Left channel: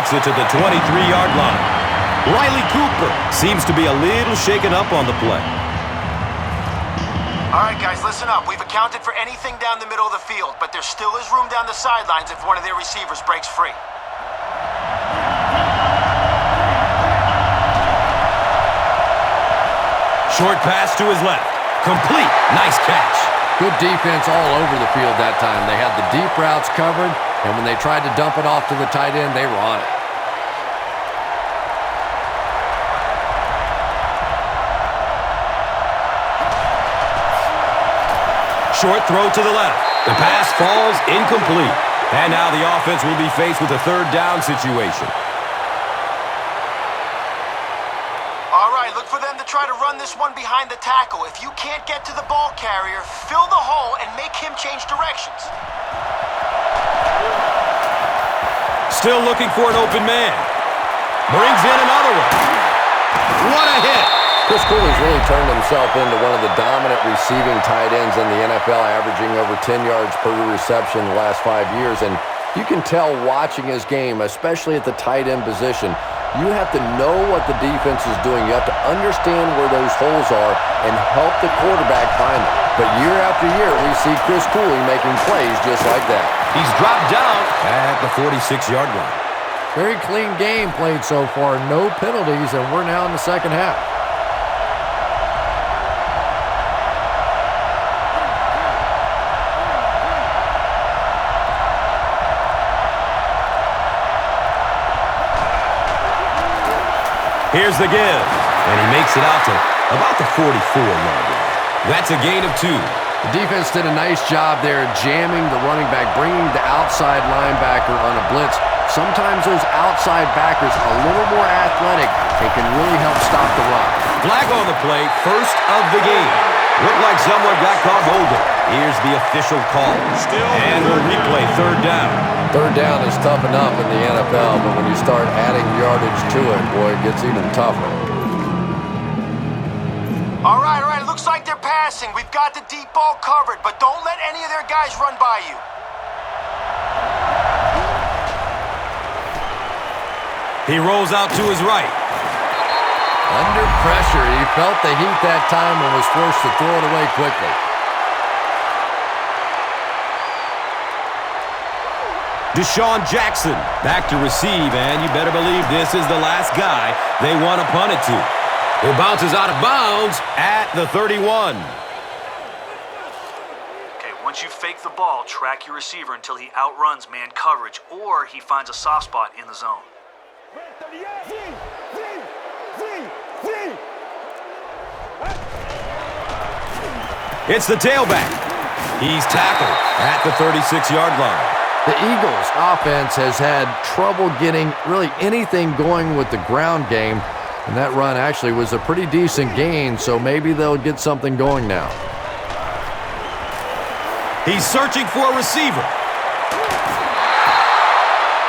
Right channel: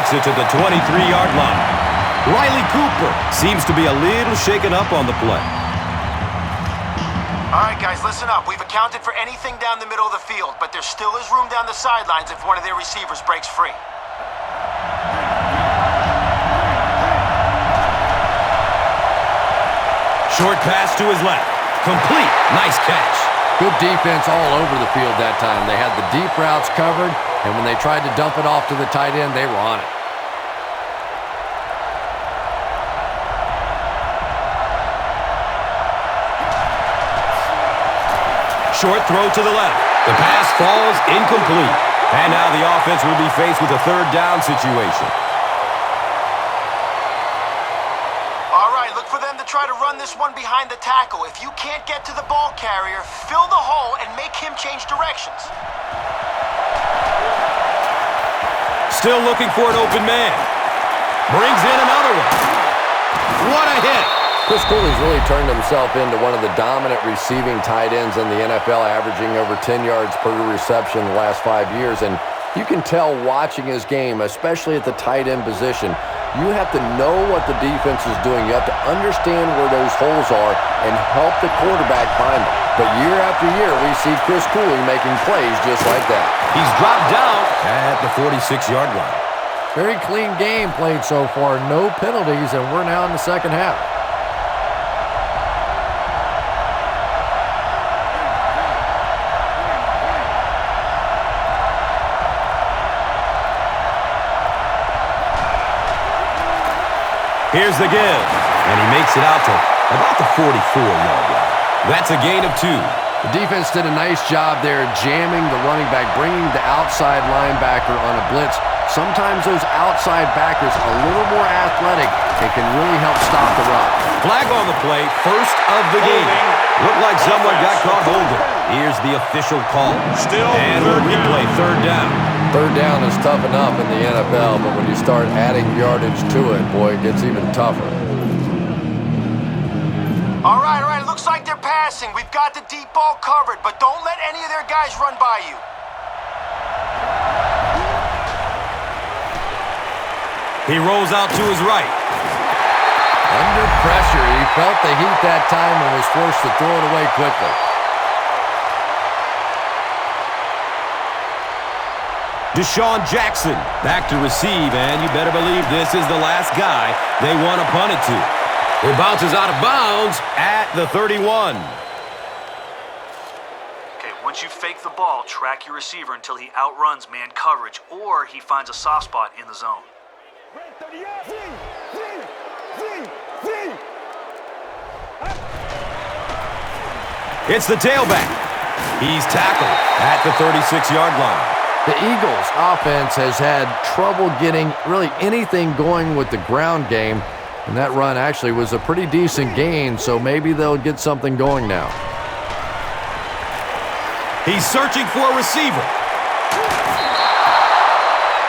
makes it to the 23-yard line. Riley Cooper seems to be a little shaken up on the play. All right, guys, listen up. We've accounted for anything down the middle of the field, but there still is room down the sidelines if one of their receivers breaks free. Short pass to his left. Complete. Nice catch. Good defense all over the field that time. They had the deep routes covered, and when they tried to dump it off to the tight end, they were on it. Short throw to the left. The pass falls incomplete. And now the offense will be faced with a third down situation. All right, look for them to try to run this one behind the tackle. If you can't get to the ball carrier, fill the hole and make him change directions. Still looking for an open man. Brings in another one. What a hit. Chris Cooley's really turned himself into one of the dominant receiving tight ends in the NFL, averaging over 10 yards per reception the last 5 years. And you can tell watching his game, especially at the tight end position, you have to know what the defense is doing. You have to understand where those holes are and help the quarterback find them. But year after year, we see Chris Cooley making plays just like that. He's dropped down at the 46-yard line. Very clean game played so far. No penalties, and we're now in the second half. Here's the give, and he makes it out to about the 44-yard line. That's a gain of 2. The defense did a nice job there jamming the running back, bringing the outside linebacker on a blitz. Sometimes those outside backers a little more athletic and can really help stop the run. Flag on the play, first of the game. Looked like someone got caught holding. Here's the official call. Still and third play, third down. Third down is tough enough in the NFL, but when you start adding yardage to it, boy, it gets even tougher. All right, it looks like they're passing. We've got the deep ball covered, but don't let any of their guys run by you. He rolls out to his right. Under pressure, he felt the heat that time and was forced to throw it away quickly. Deshaun Jackson back to receive, and you better believe this is the last guy they want to punt it to. It bounces out of bounds at the 31. Okay, once you fake the ball, track your receiver until he outruns man coverage or he finds a soft spot in the zone. It's the tailback. He's tackled at the 36-yard line. The Eagles' offense has had trouble getting really anything going with the ground game, and that run actually was a pretty decent gain, so maybe they'll get something going now. He's searching for a receiver.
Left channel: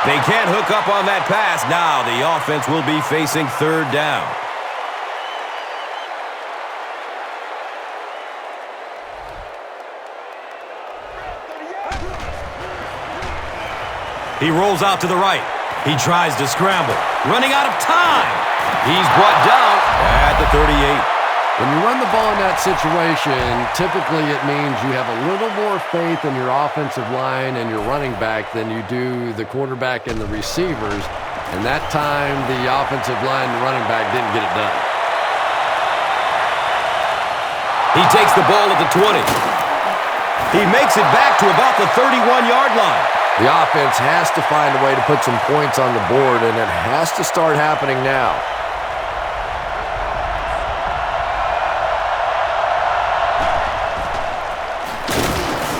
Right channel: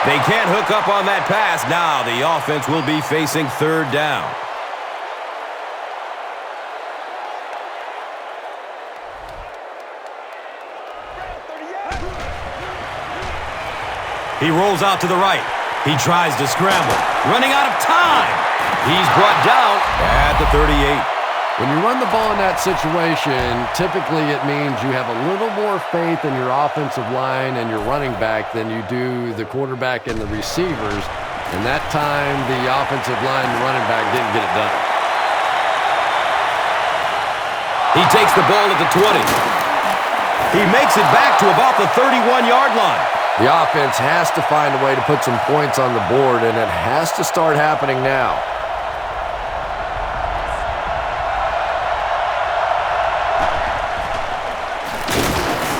They can't hook up on that pass. Now the offense will be facing third down. He rolls out to the right. He tries to scramble. Running out of time. He's brought down at the 38. When you run the ball in that situation, typically it means you have a little more faith in your offensive line and your running back than you do the quarterback and the receivers. And that time, the offensive line and the running back didn't get it done. He takes the ball at the 20. He makes it back to about the 31-yard line. The offense has to find a way to put some points on the board, and it has to start happening now.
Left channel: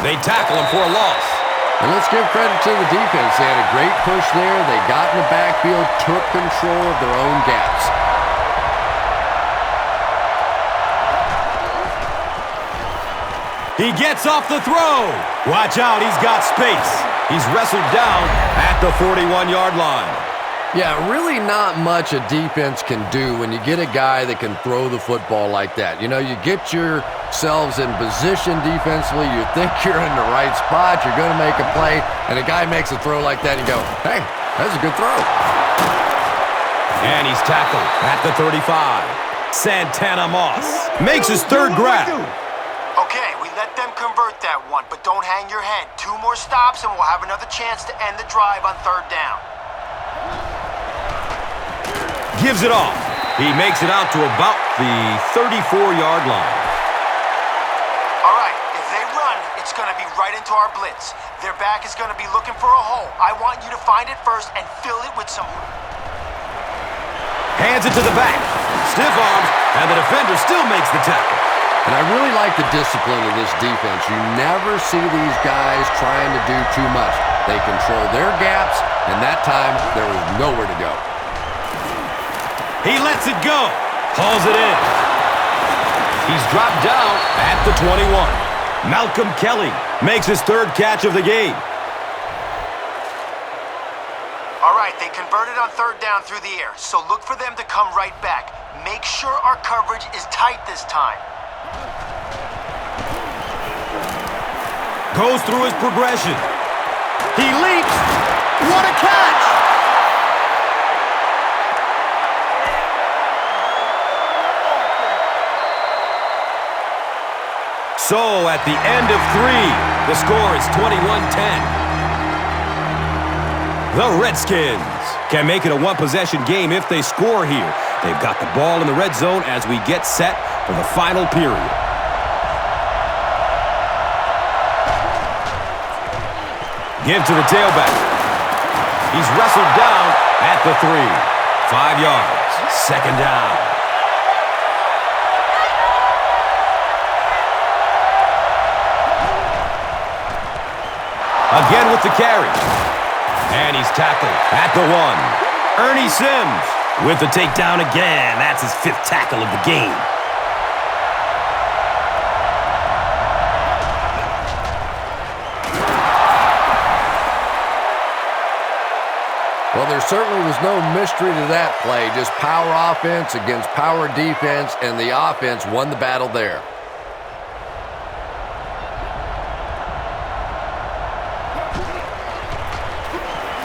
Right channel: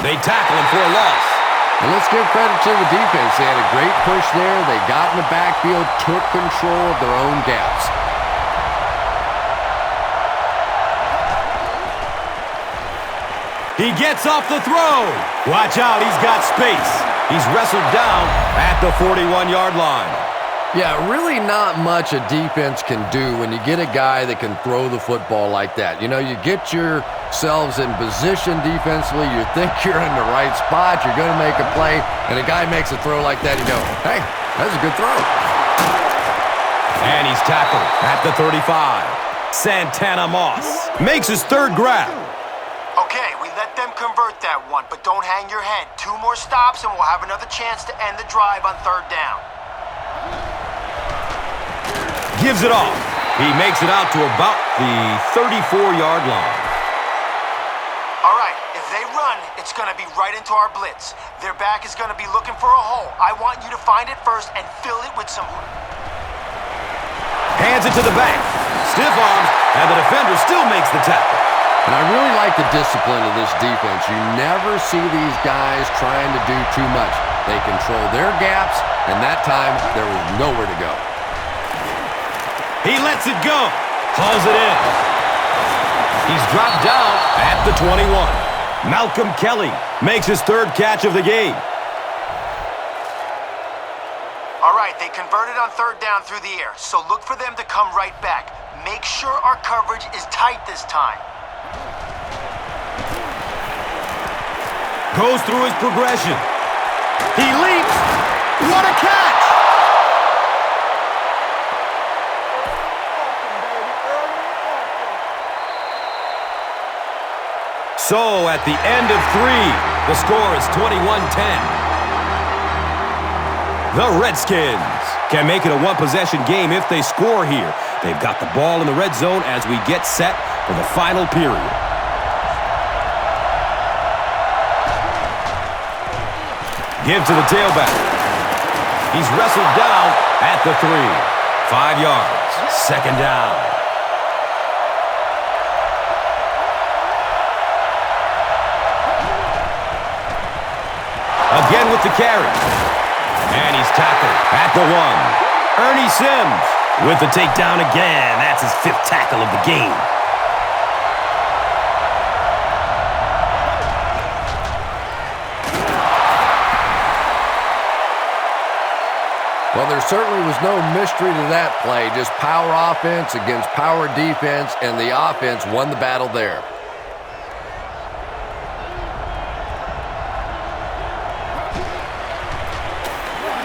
They tackle him for a loss. And let's give credit to the defense. They had a great push there. They got in the backfield, took control of their own gaps. He gets off the throw. Watch out, he's got space. He's wrestled down at the 41-yard line. Yeah, really not much a defense can do when you get a guy that can throw the football like that. You know, you get yourselves in position defensively, you think you're in the right spot, you're going to make a play, and a guy makes a throw like that, you go, hey, that's a good throw. he's tackled at the 35. Santana Moss makes his third grab. Okay, we let them convert that one, but don't hang your head. 2 more stops and we'll have another chance to end the drive on 3rd down. Gives it off. He makes it out to about the 34-yard line. All right, if they run, it's going to be right into our blitz. Their back is going to be looking for a hole. I want you to find it first and fill it with some... Hands it to the back. Stiff arms, and the defender still makes the tackle. And I really like the discipline of this defense. You never see these guys trying to do too much. They control their gaps, and that time there was nowhere to go. He lets it go. Hauls it in. He's dropped down at the 21. Malcolm Kelly makes his 3rd catch of the game. All right, they converted on 3rd down through the air, so look for them to come right back. Make sure our coverage is tight this time. Goes through his progression. He leaps. What a catch! So, at the end of 3, the score is 21-10. The Redskins can make it a one-possession game if they score here. They've got the ball in the red zone as we get set for the final period. Give to the tailback. He's wrestled down at the 3. 5 yards. 2nd down. Again with the carry. And he's tackled at the 1. Ernie Sims with the takedown again. That's his 5th tackle of the game. Well, there certainly was no mystery to that play. Just power offense against power defense, and the offense won the battle there.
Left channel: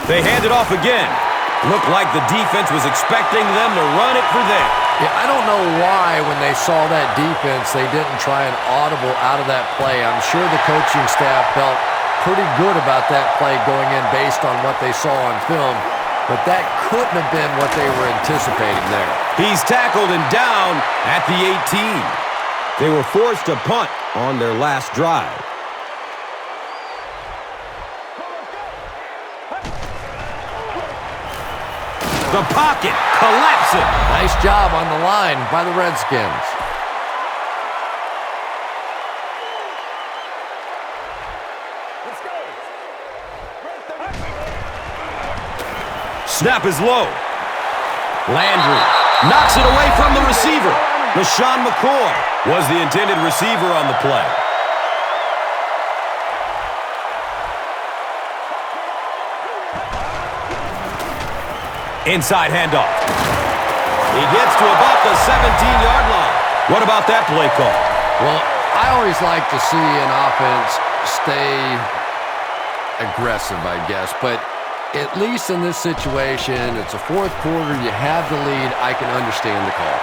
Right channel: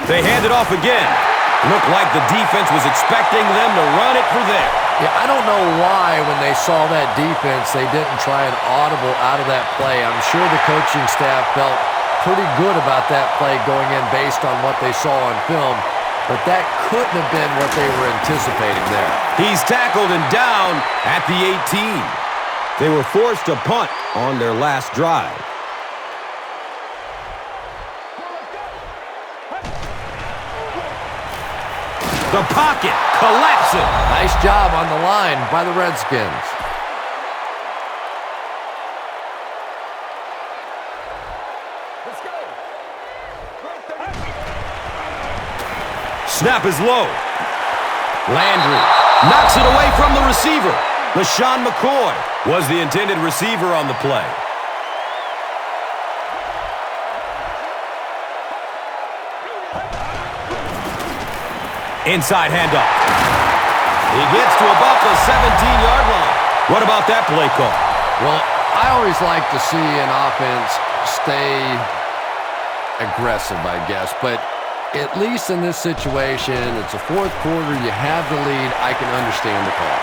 They hand it off again. Looked like the defense was expecting them to run it for them. Yeah, I don't know why when they saw that defense, they didn't try an audible out of that play. I'm sure the coaching staff felt pretty good about that play going in based on what they saw on film, but that couldn't have been what they were anticipating there. He's tackled and down at the 18. They were forced to punt on their last drive. The pocket collapsing. Nice job on the line by the Redskins. Let's go. Snap is low. Landry knocks it away from the receiver. LaShawn McCoy was the intended receiver on the play. Inside handoff. He gets to about the 17-yard line. What about that play call? Well, I always like to see an offense stay aggressive, I guess. But at least in this situation, it's a 4th quarter, you have the lead, I can understand the call.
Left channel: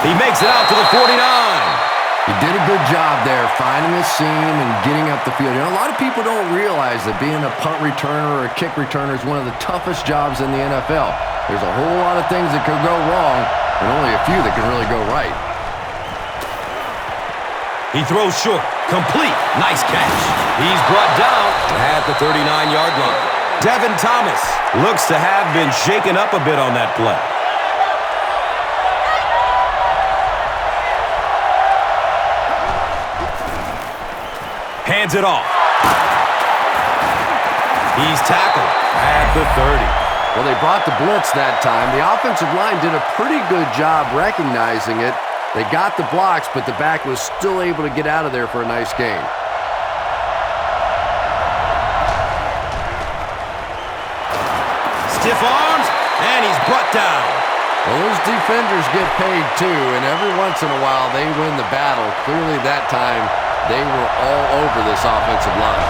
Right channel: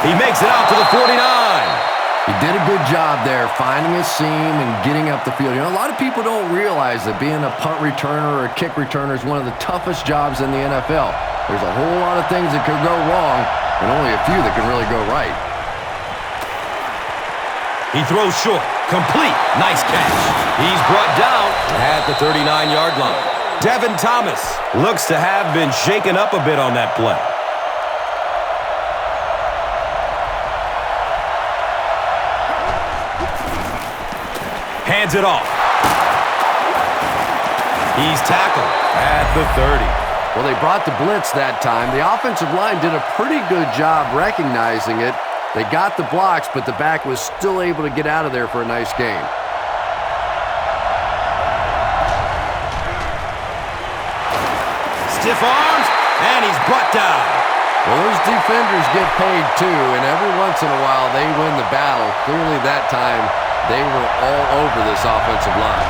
He makes it out to the 49. He did a good job there finding a seam and getting up the field. You know, a lot of people don't realize that being a punt returner or a kick returner is one of the toughest jobs in the NFL. There's a whole lot of things that could go wrong and only a few that can really go right. He throws short. Complete. Nice catch. He's brought down at the 39-yard line. Devin Thomas looks to have been shaken up a bit on that play. Hands it off. He's tackled at the 30. Well, they brought the blitz that time. The offensive line did a pretty good job recognizing it. They got the blocks, but the back was still able to get out of there for a nice gain. Stiff arms, and he's brought down. Well, those defenders get paid too, and every once in a while they win the battle. Clearly that time they were all over this offensive line.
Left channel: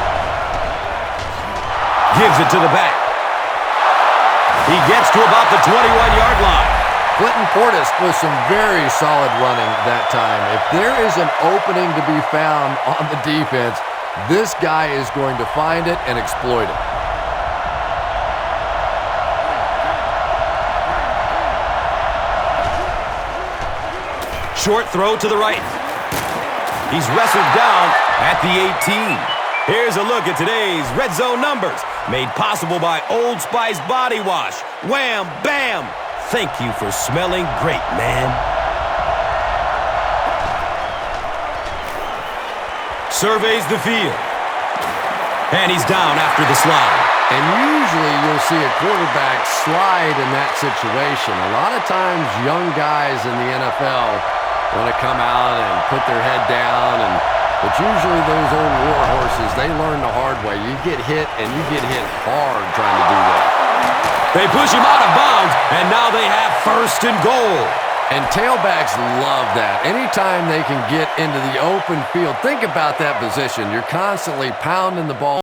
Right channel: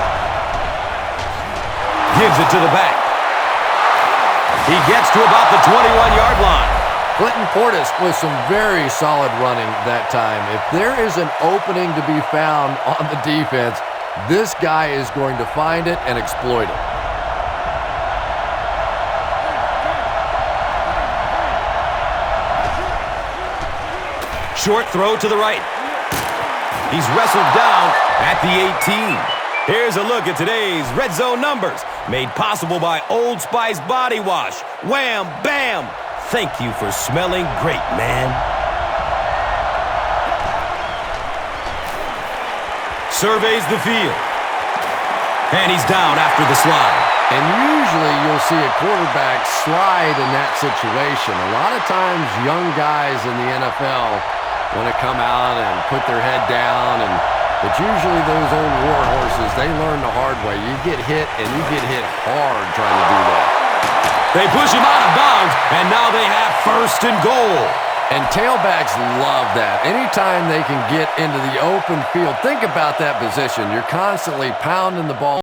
Gives it to the back. He gets to about the 21-yard line. Clinton Portis with some very solid running that time. If there is an opening to be found on the defense, this guy is going to find it and exploit it. Short throw to the right. He's wrestled down at the 18. Here's a look at today's red zone numbers, made possible by Old Spice Body Wash. Wham, bam! Thank you for smelling great, man. Surveys the field. And he's down after the slide. And usually you'll see a quarterback slide in that situation. A lot of times young guys in the NFL want to come out and put their head down, but usually those old war horses, they learn the hard way. You get hit, and you get hit hard trying to do that. They push him out of bounds, and now they have first and goal. And tailbacks love that. Anytime they can get into the open field, think about that position. You're constantly pounding the ball.